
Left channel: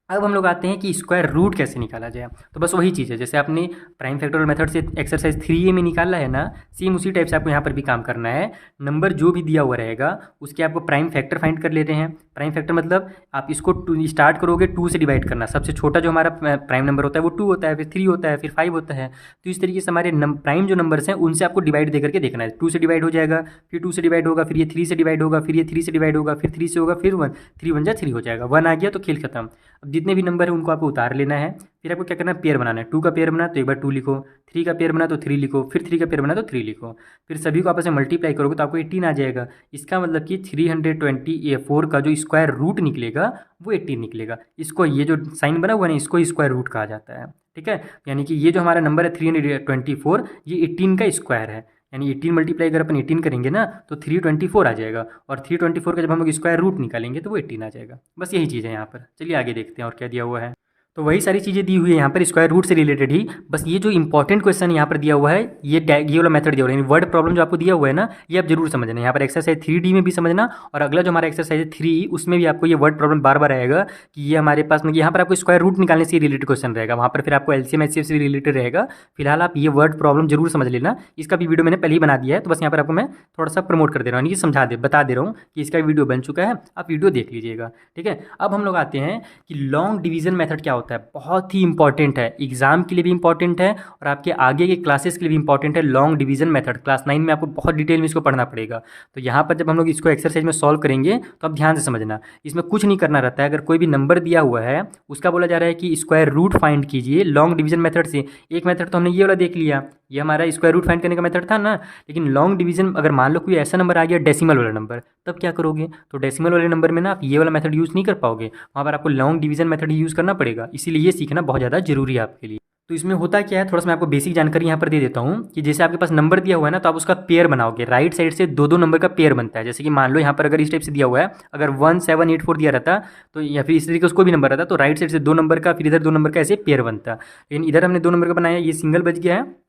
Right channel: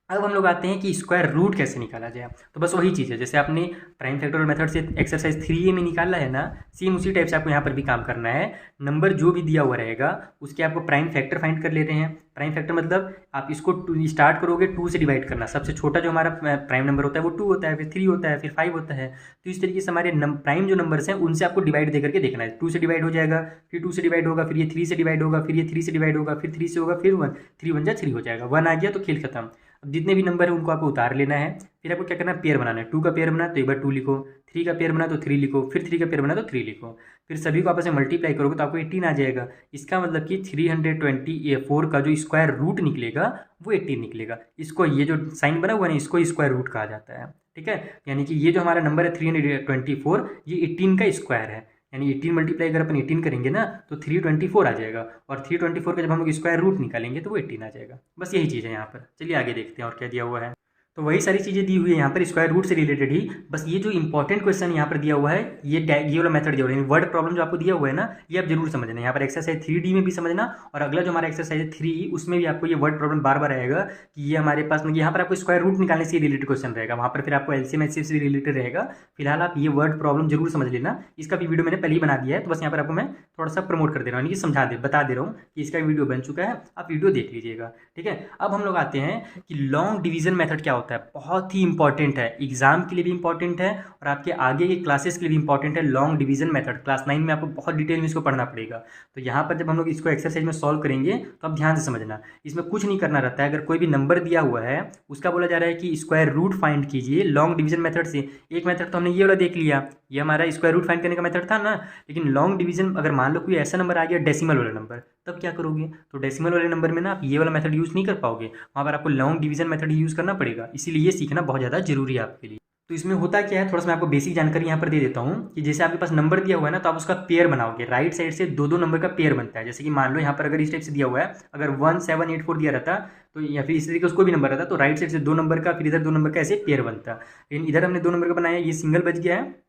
अब हम लोग आते हैं कि स्क्वायर रूट कैसे निकाला जाए। तो बस वही चीज़ है, जैसे आपने प्राइम फैक्टोरियल मेथड से एक्सरसाइज 3A में निकाला है ना, सेम उसी टाइप से आपको यहाँ पर भी काम करना है। नंबर जो भी दिया हुआ रहेगा उसके आपको प्राइम फैक्टर फाइंड कर लेते हैं। प्राइम फैक्टर मतलब आप इसको स्टार्ट करोगे 2 से डिवाइड करना। सबसे छोटा जो हमारा प्राइम नंबर होता है वो 2 होता है, फिर 3 होता है, फिर 5 होता है। तो इस तरीके से हमारे प्राइम जो नंबर्स हैं उनसे आपको डिवाइड दे करके देखना है। 2 से डिवाइड हो जाएगा, फिर 2 से डिवाइड होगा, फिर ये 3 से डिवाइड होगा, फिर ये 3 से डिवाइड होगा, फिर 3 से होगा, फिर 1, 3 1 जा 3 हो जाएगा, 1 आ गया तो खेल खत्म। अब जितने भी नंबर है उनको आपको उतार लेना है। फिर आपको क्या करना है, पेयर बनाना है। 2 का पेयर बना तो एक बार 2 लिखो, 3 का पेयर बना तो 3 लिखो, फिर 3 का पेयर बना तो 3 लिखो। फिर सभी को आपस में मल्टीप्लाई करोगे तो आपको 18 आ जाएगा। इसका मतलब कि 324 का जो स्क्वायर रूट निकलेगा वो 18 निकलेगा। इसको ये जो साइन बना हुआ है ना, इसको स्क्वायर रूट कहा जाता है। ठीक है, यानी कि ये जो हमारा नंबर है 324, ये 18 का स्क्वायर है। यानी 18 मल्टीप्लाई अगर अपन 18 करेंगे ना तो 324 आ जाएगा, और 324 का जब हम लोग स्क्वायर रूट निकालेंगे तो वो 18 आ जाएगा। बस यही चीज़ है यहाँ पर। चलिए आगे देखते हैं और क्या दिया हुआ है। तो वही सारी चीज़ें दी हुई है यहाँ पर स्क्वायर रूट से रिलेटेड ही। बस ये जो इंपॉर्टेंट क्वेश्चन यहाँ पर दिया हुआ है, ये वाला मेथड दिया हुआ है, वर्ड प्रॉब्लम जो आपको दिया हुआ है ना, ये आप जरूर समझना। यहाँ पर एक्सरसाइज 3D में भी समझना, और अगला जो हमारा एक्सरसाइज है 3E, उसमें भी आपको ये वर्ड प्रॉब्लम बार बार आएगा कि ये हमारे पास में यहाँ पर आपको स्क्वायर रूट निकालने से रिलेटेड क्वेश्चन रहेगा, वहाँ पर फिर आपको LCM HCF से रिलेटेड रहेगा। फिलहाल आप ये वर्ड प्रॉब्लम जरूर समझ लेना। इसका भी वीडियो मैंने पहले ही बना दिया है, तो बस यहाँ पर आपको मैं थोड़ा सा प्रमोट कर दे रहा हूँ, यानी बता दे रहा हूँ कि इसका वीडियो बन चुका है, आप वीडियो देख लीजिएगा। ठीक है, अब हम लोग आते हैं कि लॉन्ग डिवीजन मेथड क्या होता है। बहुत ही इंपॉर्टेंट है, एग्जाम के लिए भी इंपॉर्टेंट है और आपके आगे के क्लासेस के लिए भी इंपॉर्टेंट है। लॉन्ग डिवीजन मेथड क्लास 9 में आपको बहुत डिटेल में इसको पढ़ना पड़ेगा। तो यहाँ पर जब हम लोग इसको एक्सरसाइज में सॉल्व करेंगे तो आप ध्यान से समझना, इसमें कुछ नहीं करना रहता है। अगर कोई भी नंबर दिया हुआ है उसका बोला जा रहा है कि स्क्वायर रूट फाइंड कीजिए लॉन्ग डिवीजन मेथड से। एक मेथड तो हमने ये वाला देख लिया, ये हमारा स्क्वायर रूट फाइंड करने का मेथड था ना। लेकिन लॉन्ग डिवीजन अगर मान लो कोई ऐसा नंबर आ गया डेसिमल वाला नंबर, तब क्या करोगे? तो डेसिमल वाले नंबर में ना आप ये वाला मेथड यूज़ नहीं कर पाओगे, वहाँ पर आपको लॉन्ग डिवीजन मेथड ही यूज़ करना पड़ेगा। इसीलिए ये सीखना बहुत ज़्यादा जरूरी है आपके लिए। तो इसमें होता क्या है, थोड़ा सा मैं आपको बेसिक जानकारी यहाँ पर दे देता हूँ कि जैसे आपके पास नंबर दिया हुआ है ना, तो आप उसका पेयर बनाओगे। राइट साइड से दो दो नंबर का पेयर बनता है। जैसे कि मान लो यहाँ पर अगर इस टाइप से दिया हुआ है, अगर 1784 दिया रहता तो, या फिर इस तरीके से कोई भी नंबर रहता, तो राइट साइड से दो नंबर का, फिर इधर दो नंबर का ऐसे पेयर बनता। लेकिन इधर हमने दो नंबर का बनाया, ये सिंगल बच गया है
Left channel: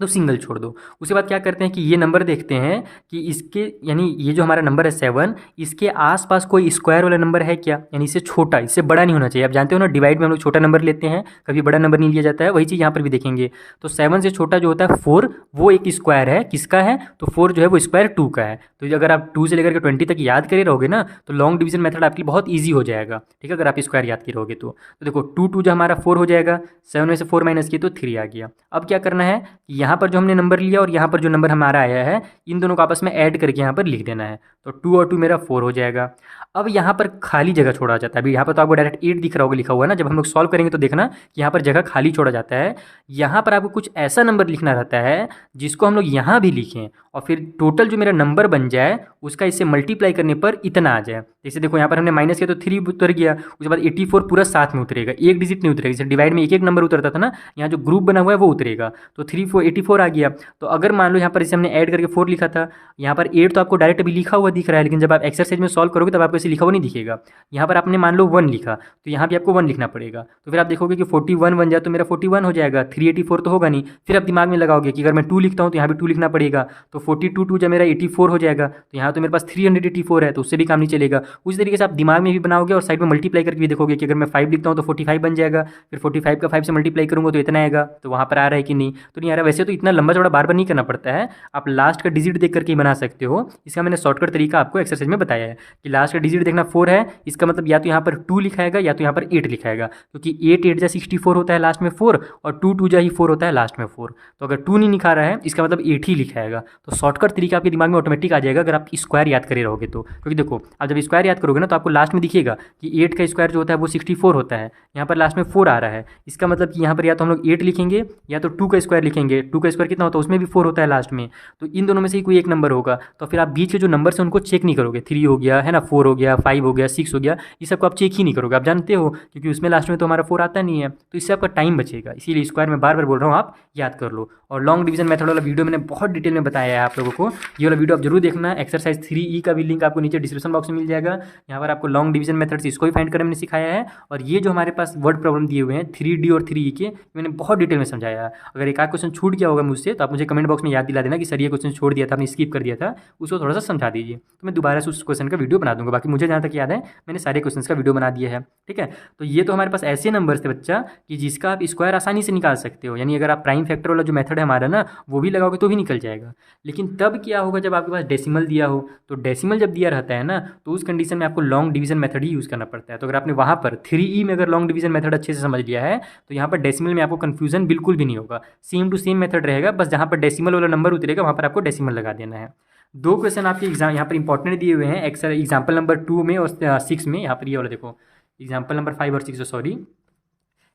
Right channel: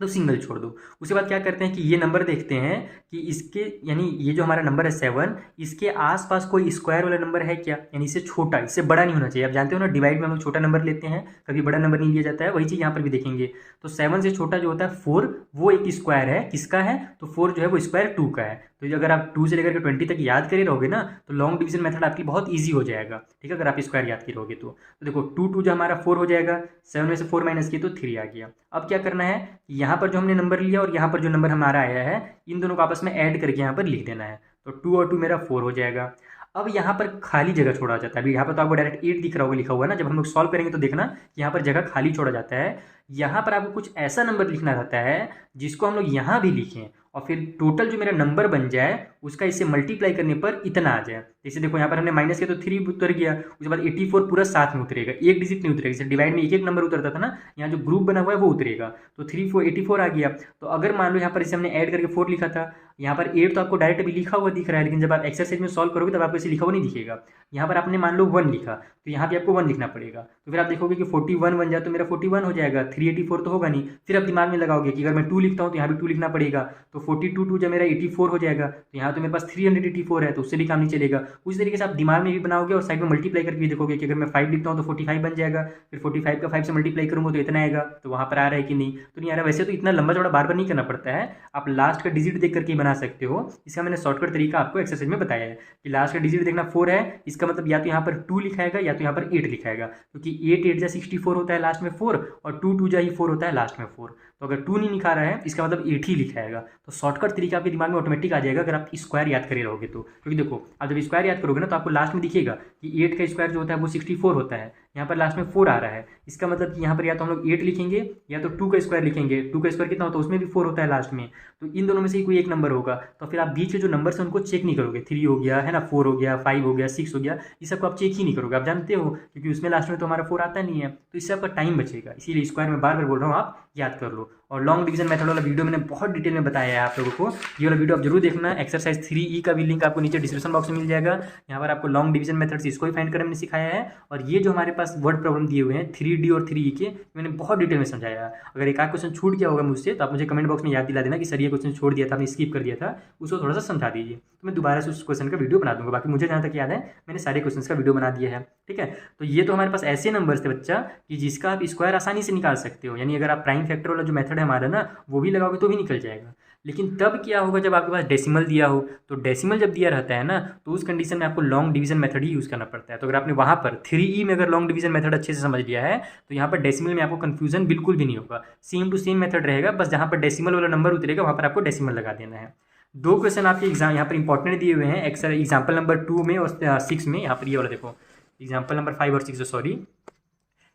तो सिंगल छोड़ दो। उसके बाद क्या करते हैं कि ये नंबर देखते हैं कि इसके, यानी ये जो हमारा नंबर है 7, इसके आसपास कोई स्क्वायर वाला नंबर है क्या, यानी इससे छोटा, इससे बड़ा नहीं होना चाहिए। आप जानते हो ना, डिवाइड में हम लोग छोटा नंबर लेते हैं, कभी बड़ा नंबर नहीं लिया जाता है। वही चीज़ यहाँ पर भी देखेंगे। तो 7 से छोटा जो होता है 4, वो एक स्क्वायर है, किसका है? तो 4 जो है वो स्क्वायर 2 का है। तो अगर आप 2 से लेकर के 20 तक याद करे रहोगे ना, तो लॉन्ग डिवीजन मेथड आपकी बहुत ईजी हो जाएगा। ठीक है, अगर आप स्क्वायर याद किए रहोगे तो देखो 2 जो हमारा 4 हो जाएगा, 7 में से 4 माइनस किए तो 3 आ गया। अब क्या करना है, यहाँ पर जो हमने नंबर लिया और यहाँ पर जो नंबर हमारा आया है, इन दोनों को आपस में ऐड करके यहाँ पर लिख देना है। तो 2 और 2 मेरा 4 हो जाएगा। अब यहाँ पर खाली जगह छोड़ा जाता है। अभी यहाँ पर तो आपको डायरेक्ट 8 दिख रहा होगा लिखा हुआ ना, जब हम लोग सॉल्व करेंगे तो देखना कि यहाँ पर जगह खाली छोड़ा जाता है। यहाँ पर आपको कुछ ऐसा नंबर लिखना रहता है जिसको हम लोग यहाँ भी लिखें, और फिर टोटल जो मेरा नंबर बन जाए उसका इससे मल्टीप्लाई करने पर इतना आ जाए। जैसे देखो यहाँ पर हमने माइनस किया तो 3 उतर गया, उसके बाद 84 पूरा साथ में उतरेगा, एक डिजिट नहीं उतरेगा। जैसे डिवाइड में एक एक नंबर उतरता था ना, यहाँ जो ग्रुप बना हुआ है वो उतरेगा। तो 84 आ गया। तो अगर मान लो यहाँ पर इसे हमने ऐड करके 4 लिखा था, यहाँ पर 8 तो आपको डायरेक्ट अभी लिखा हुआ दिख रहा है, लेकिन जब आप एक्सरसाइज में सॉल्व करोगे तब आपको इसे लिखा हुआ नहीं दिखेगा। यहाँ पर आपने मान लो 1 लिखा, तो यहाँ भी आपको 1 लिखना पड़ेगा। तो फिर आप देखोगे कि 41 बन जाए तो मेरा 41 हो जाएगा, 384 तो होगा नहीं। फिर आप दिमाग में लगाओगे कि अगर मैं 2 लिखता हूँ तो यहाँ भी 2 लिखना पड़ेगा। तो 42 जब मेरा 84 हो जाएगा, तो यहाँ तो मेरे पास 384 है, तो उससे भी काम नहीं चलेगा। उसी तरीके से आप दिमाग में भी बनाओगे और साइड में मल्टीप्लाई करके भी देखोगे कि अगर मैं 5 लिखता हूँ तो 45 बन जाएगा, फिर 45 का 5 से मल्टीप्लाई करूँगा तो इतना आएगा। तो वहाँ पर आ रहा है कि नहीं? तो नहीं आ रहा। वैसे तो इतना लंबा चौड़ा बार बार नहीं करना पड़ता है, आप लास्ट का डिजिट देख करके ही बना सकते हो। इसका मैंने शॉर्टकट तरीका आपको एक्सरसाइज में बताया है कि लास्ट का डिजिट देखना 4 है, इसका मतलब या तो यहाँ पर 2 लिखाएगा या तो यहाँ पर 8 लिखाएगा, क्योंकि 8 8 जा 64 होता है लास्ट में 4, और 2 2 जा ही 4 होता है लास्ट में 4। तो अगर 2 नहीं लिखा रहा है इसका मतलब 8 ही लिखाएगा। तो शॉर्टकट तरीका आपके दिमाग में ऑटोमेटिक आ जाएगा अगर आप स्क्वायर याद करे रहोगे तो। क्योंकि देखो आप जब स्क्वायर याद करोगे ना तो आपको लास्ट में दिखेगा कि 8 का स्क्वायर जो होता है वो 64 होता है, यहाँ पर लास्ट में 4 आ रहा है। इसका मतलब कि यहाँ पर या तो हम लोग 8 लिखेंगे या तो 2 का स्क्वायर लिखेंगे। 2 का स्क्वायर कितना होता है? उसमें भी 4 होता है लास्ट में। तो इन दोनों में से ही कोई एक नंबर होगा। तो फिर आप बीच के जो नंबर हैं उनको चेक नहीं करोगे। 3 हो गया है ना, 4 हो गया, 5 हो गया, 6 हो गया, ये सबको आप चेक ही नहीं करोगे। आप जानते हो क्योंकि उसमें लास्ट में तो हमारा 4 आता नहीं है, तो इससे आपका टाइम बचेगा। इसीलिए स्क्वायर में बार बार बोल रहा हूँ, आप याद कर लो। और लॉन्ग डिवीजन मेथड वाला वीडियो मैंने बहुत डिटेल में बताया है सिखाया आप लोगों को। ये वाला वीडियो आप जरूर देखना। एक्सरसाइज 3E का भी लिंक आपको नीचे डिस्क्रिप्शन बॉक्स में मिल जाएगा। यहाँ पर आपको लॉन्ग डिवीजन मेथड्स इसको भी फाइंड करने में सिखाया है, और ये जो हमारे पास वर्ड प्रॉब्लम दिए हुए हैं 3D और 3E के, मैंने बहुत डिटेल में समझाया है। अगर एक आध क्वेश्चन छूट गया होगा मुझसे तो आप मुझे कमेंट बॉक्स में याद दिला देना कि सर ये क्वेश्चन छोड़ दिया था, आपने स्किप कर दिया था, उसको थोड़ा सा समझा दीजिए, तो मैं दोबारा से उस क्वेश्चन का वीडियो बना दूंगा। बाकी मुझे जहाँ तक याद है मैंने सारे क्वेश्चन का वीडियो बना दिया है। ठीक है, तो ये तो हमारे पास ऐसे नंबर्स थे बच्चा कि जिसका आप स्क्वायर आसानी से निकाल सकते हो, यानी अगर आप प्राइम फैक्टर वाला जो मेथड है हमारा ना वो भी लगाओगे तो भी निकल जाएगा। लेकिन तब क्या होगा जब आपके पास डेसिमल दिया हो, तो डेसिमल जब दिया रहता है ना तो उस कंडीशन में आपको लॉन्ग डिवीजन मेथड ही यूज़ करना पड़ता है। तो अगर आपने वहाँ पर 3E में अगर लॉन्ग डिवीजन मेथड अच्छे से समझ लिया है तो यहाँ पर डेसिमल में आपको कन्फ्यूजन बिल्कुल भी नहीं होगा, सेम टू सेम मेथड रहेगा, बस जहाँ पर डेसिमल वाला नंबर उतरेगा वहाँ पर आपको डेसिमल लगा देना है। दो क्वेश्चन आपके एग्जाम यहाँ पर इंपॉर्टेंट दिए हुए हैं एग्जाम्पल नंबर 2 में और 6 में। यहाँ पर ये वाला देखो एग्जाम्पल नंबर 5 और 6, सॉरी,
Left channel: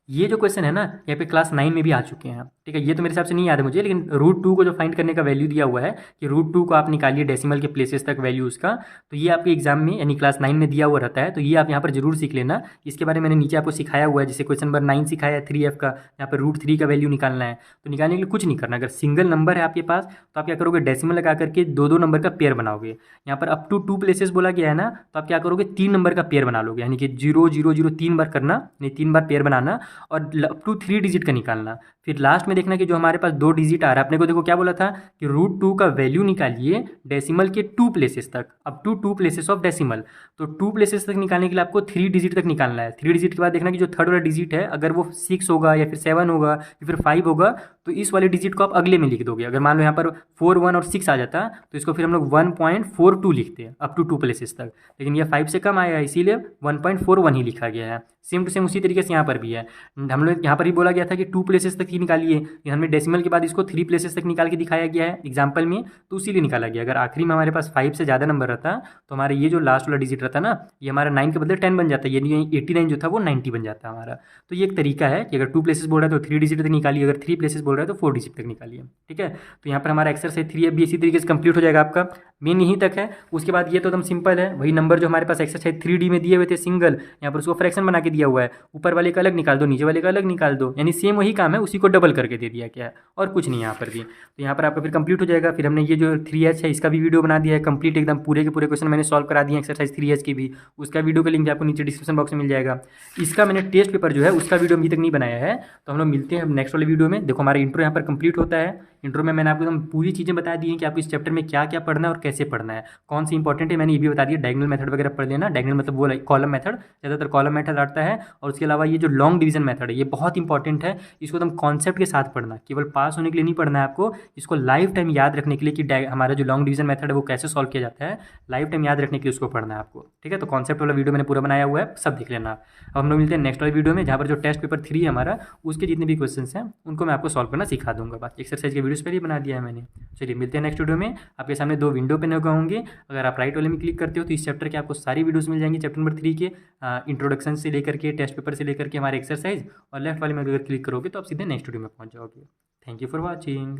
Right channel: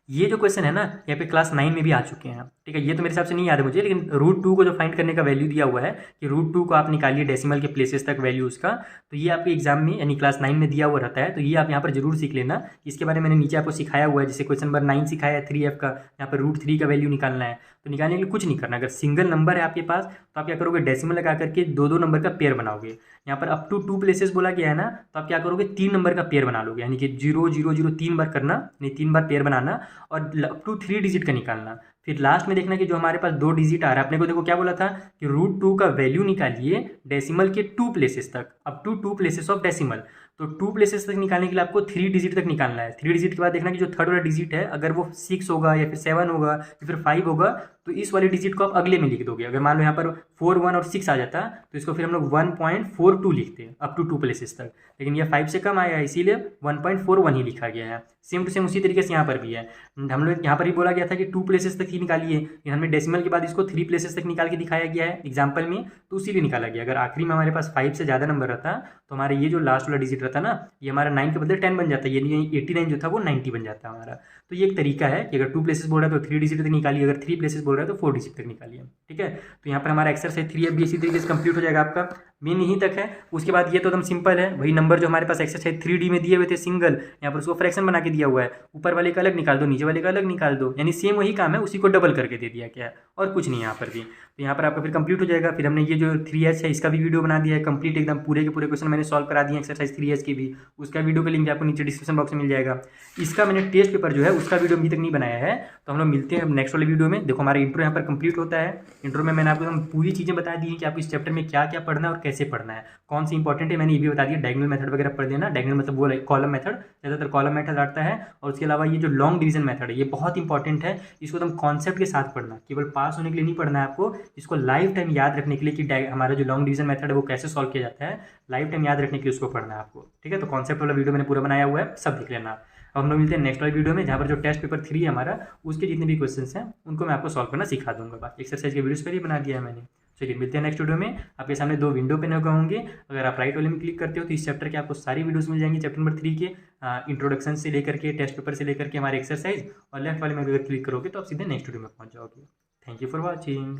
ये जो क्वेश्चन है ना यहाँ पे क्लास 9 में भी आ चुके हैं। ठीक है, ये तो मेरे हिसाब से नहीं याद है मुझे, लेकिन √2 को जो फाइंड करने का वैल्यू दिया हुआ है कि √2 को आप निकालिए डेसिमल के प्लेसेस तक वैल्यू उसका, तो ये आपके एग्जाम में यानी क्लास 9 में दिया हुआ रहता है। तो ये आप यहाँ पर जरूर सीख लेना, इसके बारे में मैंने नीचे आपको सिखाया हुआ है। जैसे क्वेश्चन नंबर 9 सिखाया है 3F का, यहाँ पर √3 का वैल्यू निकालना है। तो निकालने के लिए कुछ नहीं करना, अगर सिंगल नंबर है आपके पास तो आप क्या करोगे, डेसिमल लगा करके दो दो नंबर का पेयर बनाओगे। यहाँ पर अप टू 2 प्लेसेस बोला गया है ना, तो आप क्या करोगे 3 नंबर का पेयर बना लोगे, यानी कि 0 0 0 3 बार करना, यानी 3 बार पेयर बनाना, और अप टू 3 डिजिट का निकालना। फिर लास्ट में देखना कि जो हमारे पास 2 डिजिट आ रहा है, अपने को देखो क्या बोला था कि √2 का वैल्यू निकालिए डेसिमल के 2 प्लेसेस तक, up to 2 places of decimal. तो 2 प्लेसेस तक निकालने के लिए आपको 3 डिजिट तक निकालना है। 3 डिजिट के बाद देखना कि जो थर्ड वाला डिजिट है अगर वो 6 होगा या फिर 7 होगा या फिर 5 होगा तो इस वाले डिजिट को आप अगले में लिख दोगे। अगर मान लो यहाँ पर 4 1 और 6 आ जाता तो इसको फिर हम लोग 1.42 लिखते हैं अप टू 2 प्लेसेस तक, लेकिन यह 5 से कम आया इसीलिए 1.41 ही लिखा गया है। सेम टू सेम उसी तरीके से यहाँ पर भी है। हम लोग यहाँ पर ही बोला गया था कि 2 प्लेसेस तक ही निकालिए, हमने डेसिमल के बाद इसको 3 प्लेसेस तक निकाल के दिखाया गया है एग्जाम्पल में, तो उसीलिए निकाला गया। अगर आखिरी में हमारे पास 5 से ज़्यादा नंबर रहता तो हमारा ये जो लास्ट वाला डिजिट रहता ना ये हमारा 9 के बदले 10 बन जाता है, यानी 89 जो था वो 90 बन जाता हमारा। तो ये एक तरीका है कि अगर 2 प्लेसेस बोल रहा है तो 3 डिजिट तक निकालिए, अगर 3 प्लेसेस बोल रहा है तो 4 डिजिट तक निकालिए। ठीक है, तो यहाँ पर हमारा एक्सरसाइज 3 भी इसी तरीके से कंप्लीट हो जाएगा आपका, मेन यहीं तक है। उसके बाद ये तो एकदम सिंपल है, वही नंबर जो हमारे पास एक्सरसाइज 3D में दिए हुए थे सिंगल, यहाँ पर उसको फ्रैक्शन बना के दिया हुआ है, ऊपर वाले का अलग निकाल दो नीचे वाले का अलग निकाल दो, यानी सेम वही काम है, उसी को डबल करके दे दिया गया है और कुछ नहीं यहाँ पर भी। तो यहाँ पर आपका फिर कंप्लीट हो जाएगा। फिर हमने ये जो 3H है इसका भी वीडियो बना दिया है कंप्लीट, एकदम पूरे के पूरे क्वेश्चन मैंने सॉल्व करा दिए एक्सरसाइज 3H की भी, उसका वीडियो का लिंक भी आपको नीचे डिस्क्रिप्शन बॉक्स में मिल जाएगा। इसका मैंने टेस्ट पेपर जो है उसका वीडियो अभी तक नहीं बनाया है, तो हम लोग मिलते हैं नेक्स्ट वाले वीडियो में। देखो हमारा इंट्रो यहाँ पर कंप्लीट होता है। इंट्रो में मैंने आपको एकदम पूरी चीज़ें बता दी हैं कि आपको इस चैप्टर में क्या क्या पढ़ना है और कैसे पढ़ना है, कौन सी इंपॉर्टेंट है मैंने ये भी बता दिया। डायगोनल मेथड वगैरह पढ़ देना, डायगोनल मतलब वो कॉलम मेथड, ज़्यादातर कॉलम मेथड आता है। और उसके अलावा ये जो लॉन्ग डिवीजन मेथड है ये बहुत इंपॉर्टेंट है, इसको एकदम कॉन्सेप्ट के साथ पढ़ना, केवल पास होने के लिए नहीं पढ़ना है आपको, इसको लाइफ टाइम याद रखने के लिए कि हमारा जो लॉन्ग डिवीजन मेथड है वो कैसे सॉल्व किया जाता है, लाइफ टाइम याद रखने के लिए उसको पढ़ना है आपको। ठीक है, तो कॉन्सेप्ट वाला वीडियो मैंने पूरा बनाया हुआ है, सब देख लेना। अब हम लोग मिलते हैं नेक्स्ट वाले वीडियो में जहाँ पर जो टेस्ट पेपर 3 है हमारा उसके जितने भी क्वेश्चंस हैं उनको मैं आपको सॉल्व करना सिखा दूंगा। बाकी एक्सरसाइज के वीडियोस पहले ही बना दिया है मैंने। चलिए मिलते हैं नेक्स्ट वीडियो में। आपके सामने 2 विंडो पे लगे होंगे, अगर आप राइट वाले में क्लिक करते हो तो इस चैप्टर के आपको सारी वीडियोस मिल जाएंगी, चैप्टर नंबर 3 के इंट्रोडक्शन से लेकर के टेस्ट पेपर से लेकर के हमारे एक्सरसाइज, और लेफ्ट वाले में अगर क्लिक करोगे तो आप सीधे नेक्स्ट वीडियो में पहुँच जाओगे। Thank you for watching.